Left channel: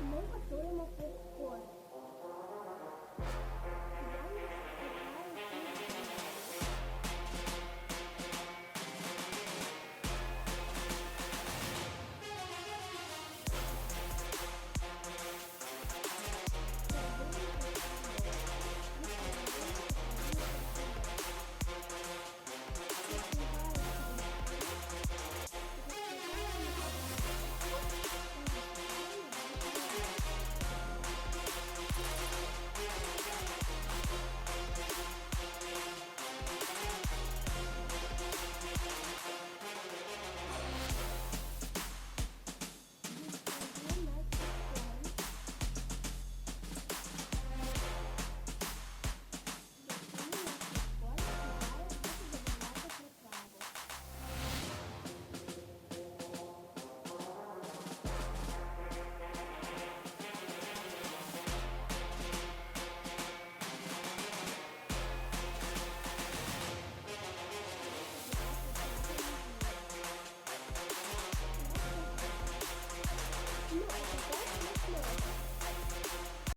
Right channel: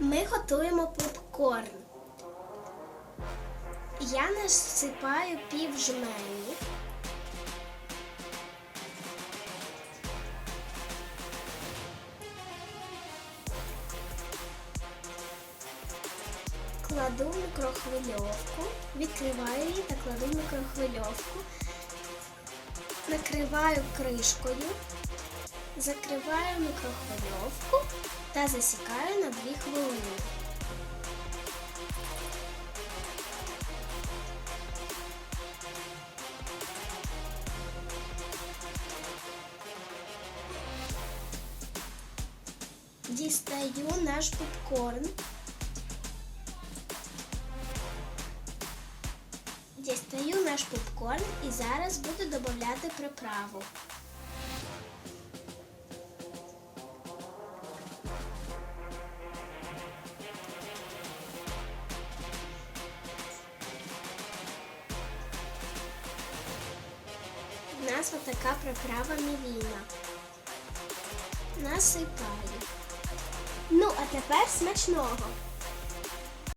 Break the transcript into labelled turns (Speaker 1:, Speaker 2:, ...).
Speaker 1: Ми готуємо попкорн. Я насипаю пів жменю. Кладу мікрохвильовку, відкриваю її та кладу мікрохвильовку. Накриваю кришкою, закриваю мікрохвильовку та засікаю на 2 хвилини. Дістаю наш попкорн. У нас отака приправа мівіна. Насипаю. Ну, а тепер смачного.